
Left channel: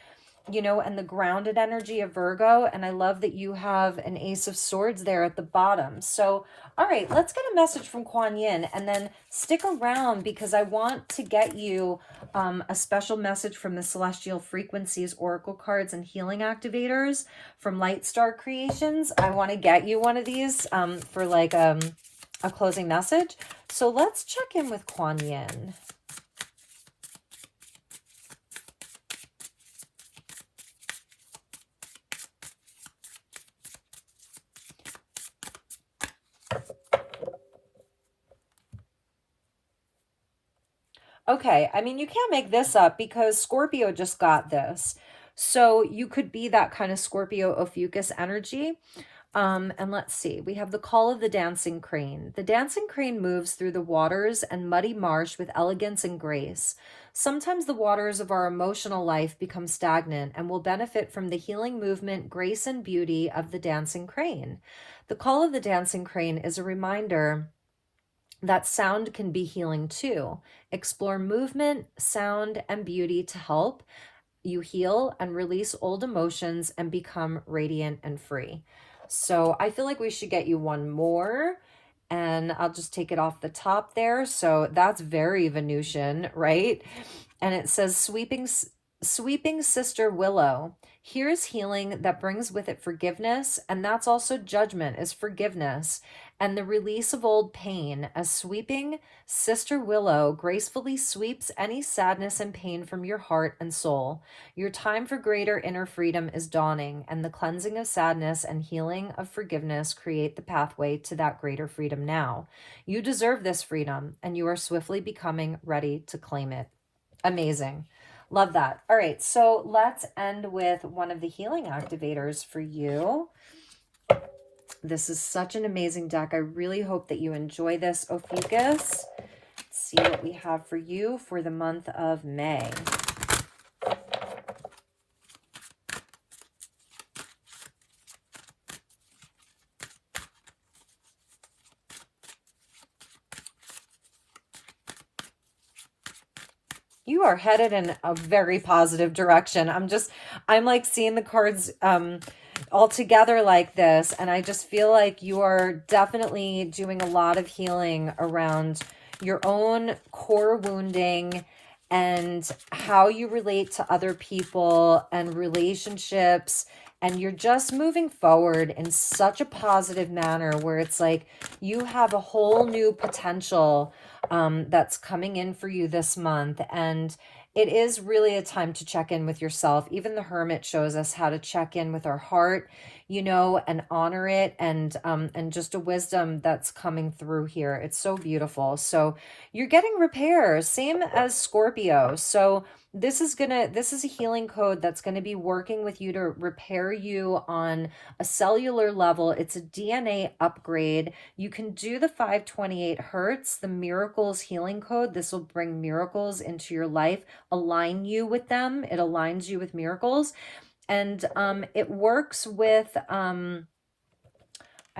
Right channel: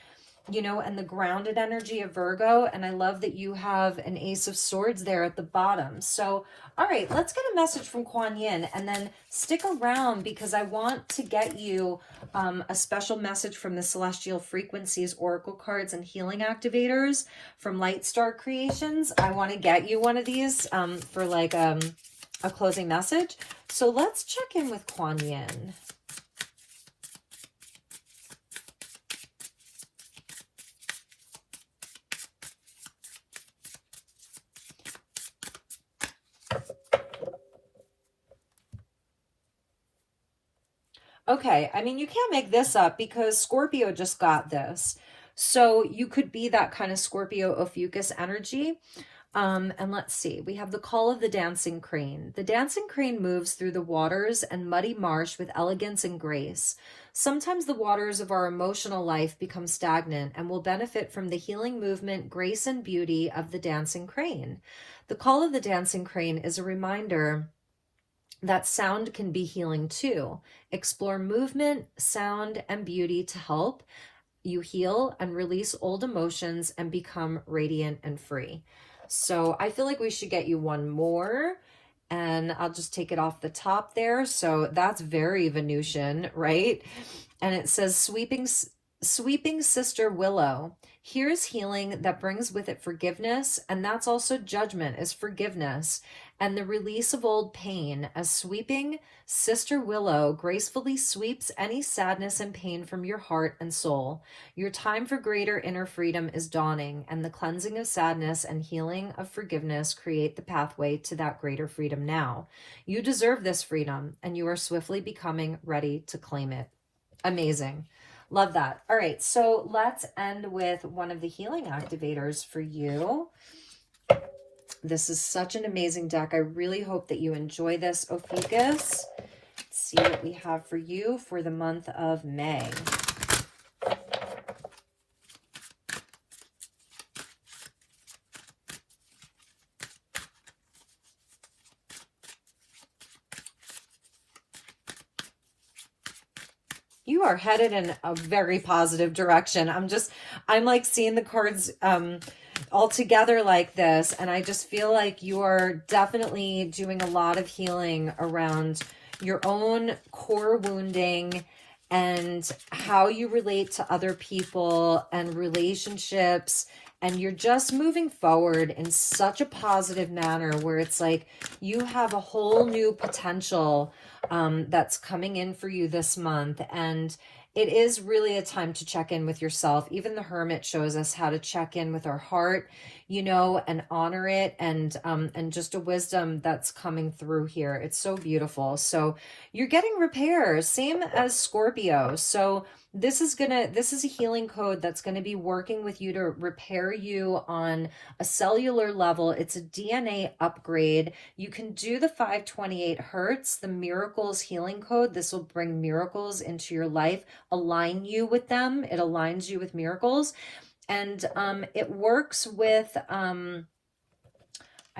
you know, and the grounded energy of Virgo. And I love that you have an Ace of Swords there at the bottom. So, all right, let's get a message from Kuan Yin, and then stick around because I want to get you a special message from the Celestial Frequencies Oracle cards and Healing Activators from LightStar Creations. I want to get you one of these for like a closing message. So let's check in with Kuan Yin. Okay, I mean, you can't make this up because Scorpio just got this. So you could be that kind of Scorpio Ophiuchus energy. And let's see, we have the call of the dancing crane. The dancing crane moves through the waters and muddy marsh with elegance and grace. Sometimes the waters of our emotional life become stagnant and will benefit from the healing movement, grace, and beauty of the dancing crane. The call of the dancing crane is a reminder that sound can be healing too. Explore movement, sound, and beauty to help. you heal and release old emotions and become radiant and free. So I feel like we should get you one more, and I'll just take it off the top there. So that's very Venusian, right? And it says, sweeping Sister Willow. Here's healing that brings with it forgiveness, and that's also judgment, is forgiveness, and the release of old pain, as sweeping Sister Willow gracefully sweeps any sadness and pain from your heart and soul. Your time for greater inner freedom is dawning, and the cleansing of sadness and healing of forgiveness create the pathway to that greater freedom now. You deserve this freedom, and you are swiftly becoming ready to claim it. Amazing. Love that. All right, so let's end with one of the healing activators for you. This is such an amazing deck. I really hope that you enjoy this, Ophiuchus. Let's see what we have for you for the month of May. You are headed in a very positive direction. I'm like seeing the cards all together like this, and I just feel like you are definitely doing a lot of healing around your own core wounding and how you relate to other people and relationships. And you're just moving forward in such a positive manner where it's like you have a whole new potential that's coming in for you this month. And it is really a time to check in with yourself. Even the Hermit shows us how to check in with our heart, you know, and honor it, and just a wisdom that's coming through here. It's so beautiful. So you're getting repairs, same as Scorpio. So this is a healing code that's going to be working with you to repair you on a cellular level. It's a DNA upgrade. You can do the 528 hertz, the miracles healing code. This will bring miracles into your life, align you with them. It aligns you with miracles. And it works with, I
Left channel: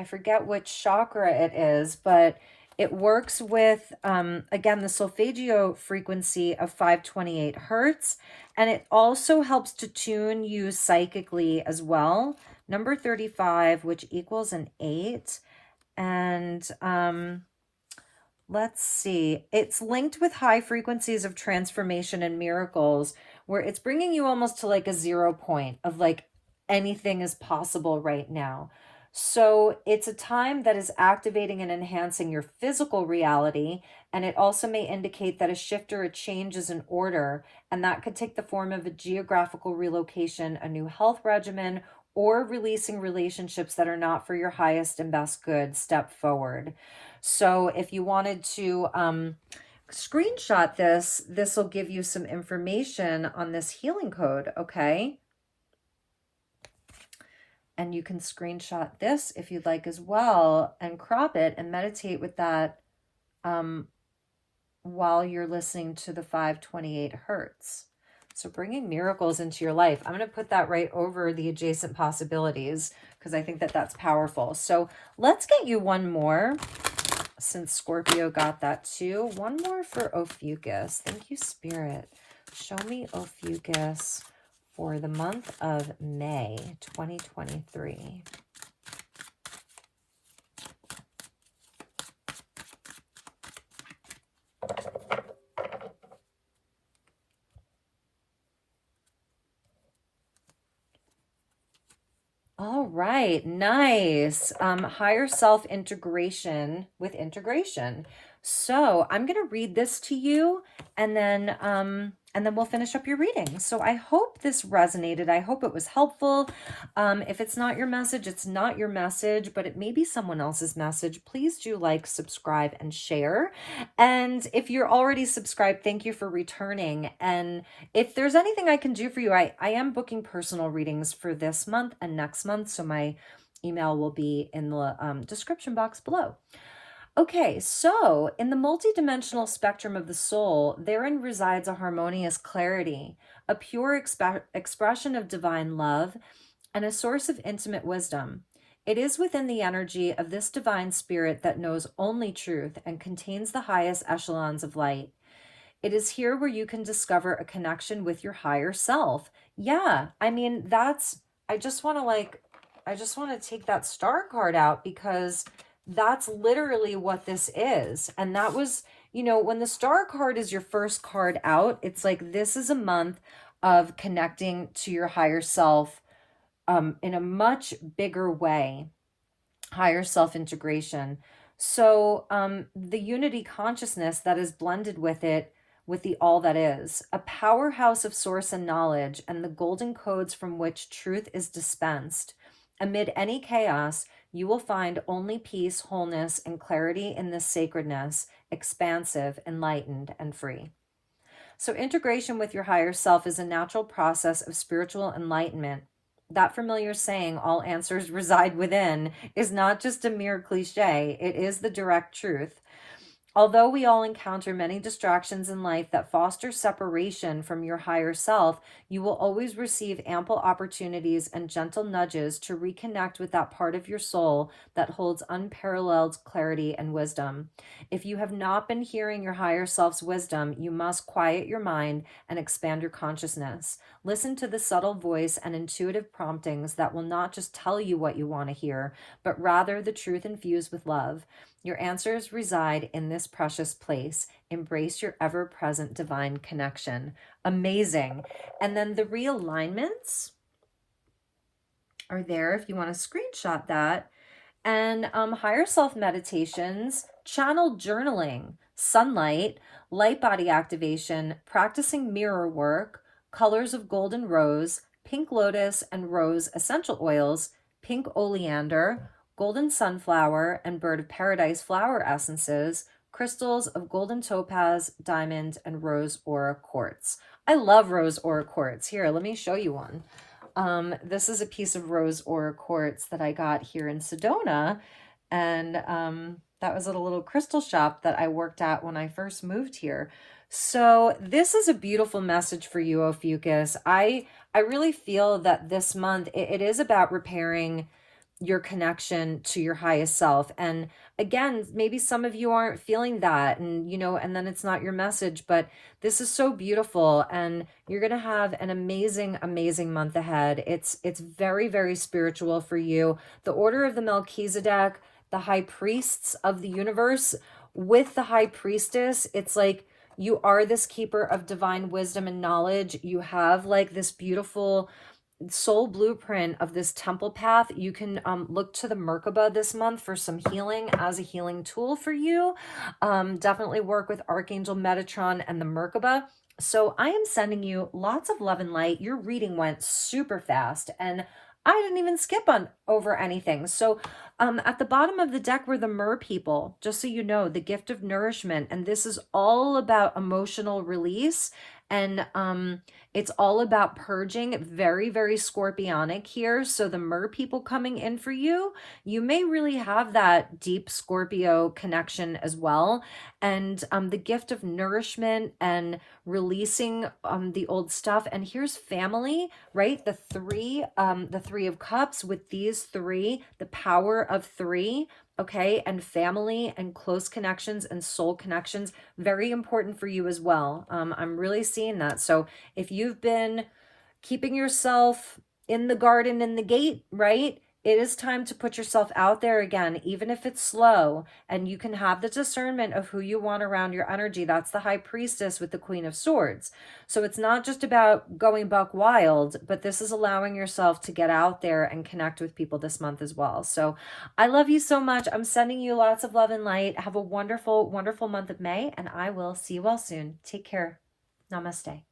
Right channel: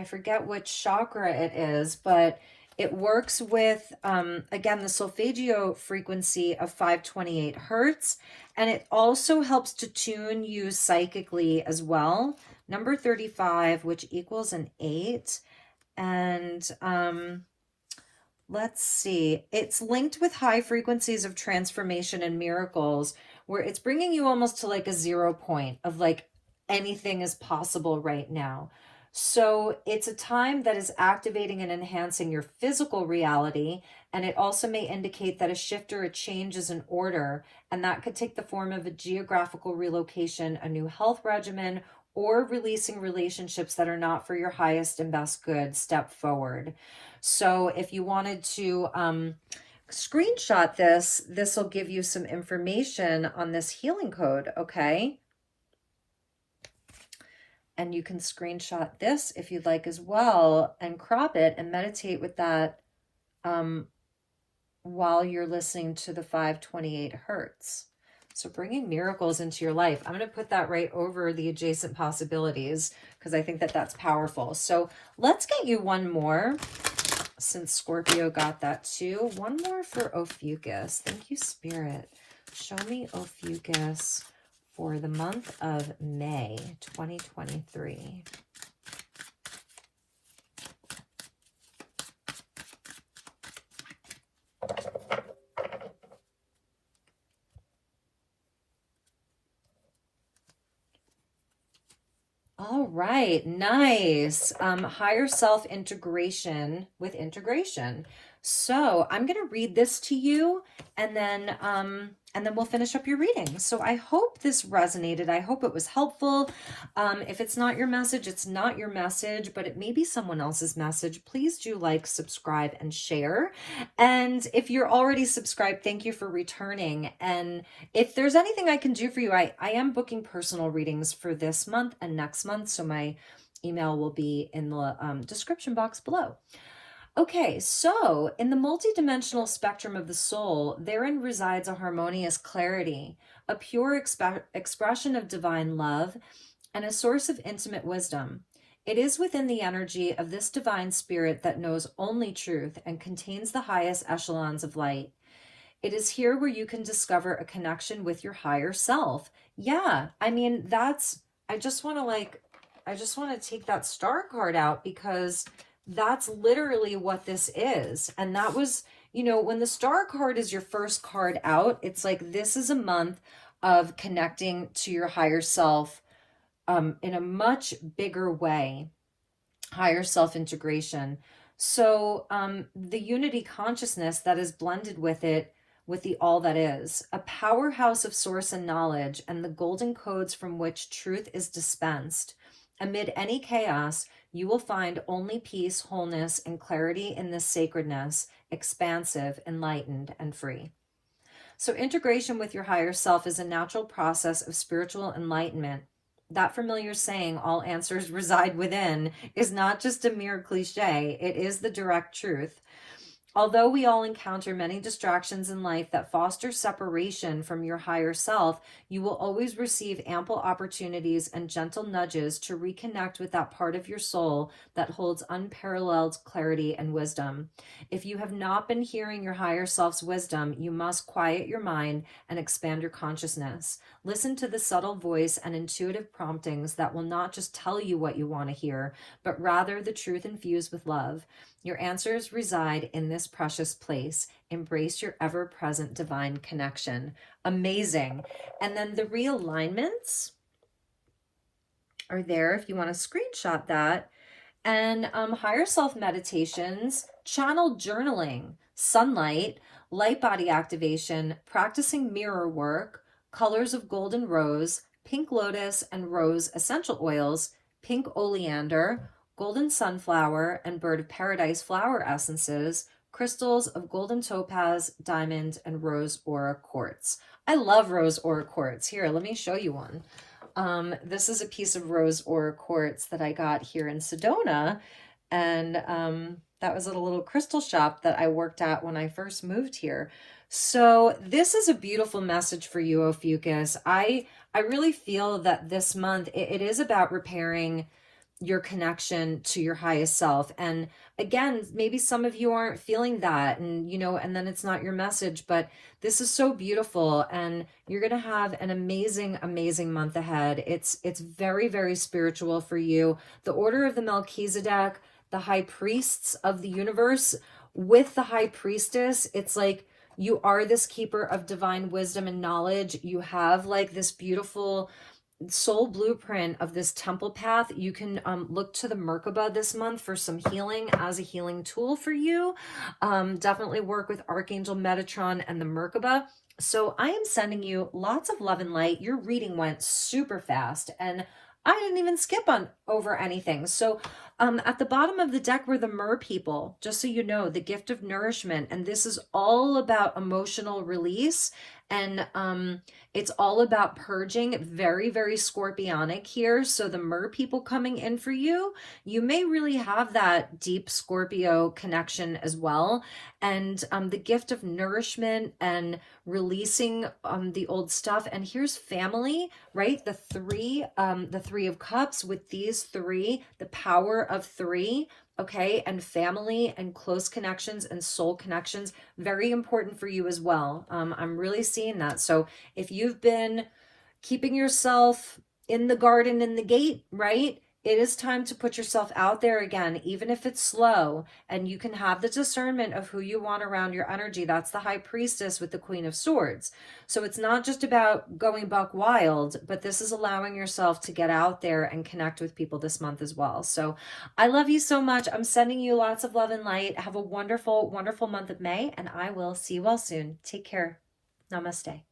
forget which chakra it is, but it works with, again, the solfeggio frequency of 528 hertz. And it also helps to tune you psychically as well. Number 35, which equals an 8. And let's see. It's linked with high frequencies of transformation and miracles, where it's bringing you almost to like a 0 point of like anything is possible right now. So it's a time that is activating and enhancing your physical reality. And it also may indicate that a shift or a change is in order. And that could take the form of a geographical relocation, a new health regimen, or releasing relationships that are not for your highest and best good. Step forward. So if you wanted to screenshot this will give you some information on this healing code, okay? And you can screenshot this if you'd like as well and crop it and meditate with that while you're listening to the 528 hertz. So bringing miracles into your life. I'm going to put that right over the adjacent possibilities because I think that that's powerful. So let's get you one more, since Scorpio got that too. One more for Ophiuchus. Thank you, Spirit. Show me Ophiuchus for the month of May 2023. All right, nice. Higher self integration with integration. So I'm going to read this to you, and then we'll finish up your reading. So I hope this resonated. I hope it was helpful. If it's not your message, it's not your message, but it may be someone else's message. Please do like, subscribe, and share. And if you're already subscribed, thank you for returning. And if there's anything I can do for you, I am booking personal readings for this month and next month. So my email will be in the description box below. Okay, so in the multidimensional spectrum of the soul, therein resides a harmonious clarity, a pure expression of divine love, and a source of intimate wisdom. It is within the energy of this divine spirit that knows only truth and contains the highest echelons of light. It is here where you can discover a connection with your higher self. Yeah, I mean, I just want to take that star card out because that's literally what this is. And that was, when the star card is your first card out, it's like, this is a month of connecting to your higher self in a much bigger way, higher self integration. So the unity consciousness that is blended with it, with the all that is, a powerhouse of source and knowledge, and the golden codes from which truth is dispensed. Amid any chaos, you will find only peace, wholeness, and clarity in this sacredness, expansive, enlightened, and free. So integration with your higher self is a natural process of spiritual enlightenment. That familiar saying, all answers reside within, is not just a mere cliche. It is the direct truth. Although we all encounter many distractions in life that foster separation from your higher self, you will always receive ample opportunities and gentle nudges to reconnect with that part of your soul that holds unparalleled clarity and wisdom. If you have not been hearing your higher self's wisdom, you must quiet your mind and expand your consciousness. Listen to the subtle voice and intuitive promptings that will not just tell you what you want to hear, but rather the truth infused with love. Your answers reside in this precious place. Embrace your ever-present divine connection. Amazing. And then the realignments are there if you want to screenshot that. And higher self meditations, channel journaling, sunlight, light body activation, practicing mirror work, colors of golden rose, pink lotus and rose essential oils, pink oleander, golden sunflower and bird of paradise flower essences, crystals of golden topaz, diamond, and rose aura quartz. I love rose aura quartz. Here, let me show you one. This is a piece of rose aura quartz that I got here in Sedona, and that was at a little crystal shop that I worked at when I first moved here. So this is a beautiful message for you, Ophiuchus. I really feel that this month it is about repairing your connection to your highest self. And again, maybe some of you aren't feeling that, and and then it's not your message, but this is so beautiful, and you're going to have an amazing, amazing month ahead. It's very, very spiritual for you. The order of the Melchizedek, the high priests of the universe, with the high priestess, it's like you are this keeper of divine wisdom and knowledge. You have like this beautiful soul blueprint of this temple path. You can look to the Merkaba this month for some healing as a healing tool for you. Definitely work with Archangel Metatron and the Merkaba. So I am sending you lots of love and light. Your reading went super fast, and I didn't even skip on over anything. So at the bottom of the deck were the Mer people, just so you know, the gift of nourishment. And this is all about emotional release. And it's all about purging. Very, very scorpionic here. So the Mer people coming in for you, you may really have that deep Scorpio connection as well. And the gift of nourishment and releasing the old stuff. And here's family, right? The three of cups with these three, the power of three. Okay, and family and close connections and soul connections, very important for you as well. I'm really seeing that. So if you've been keeping yourself in the garden, in the gate, right? It is time to put yourself out there again, even if it's slow, and you can have the discernment of who you want around your energy. That's the high priestess with the Queen of Swords. So it's not just about going buck wild, but this is allowing yourself to get out there and connect with people this month as well. So I love you so much. I'm sending you lots of love and light. Have a wonderful, wonderful month of May, and I will see you all soon. Take care. Namaste.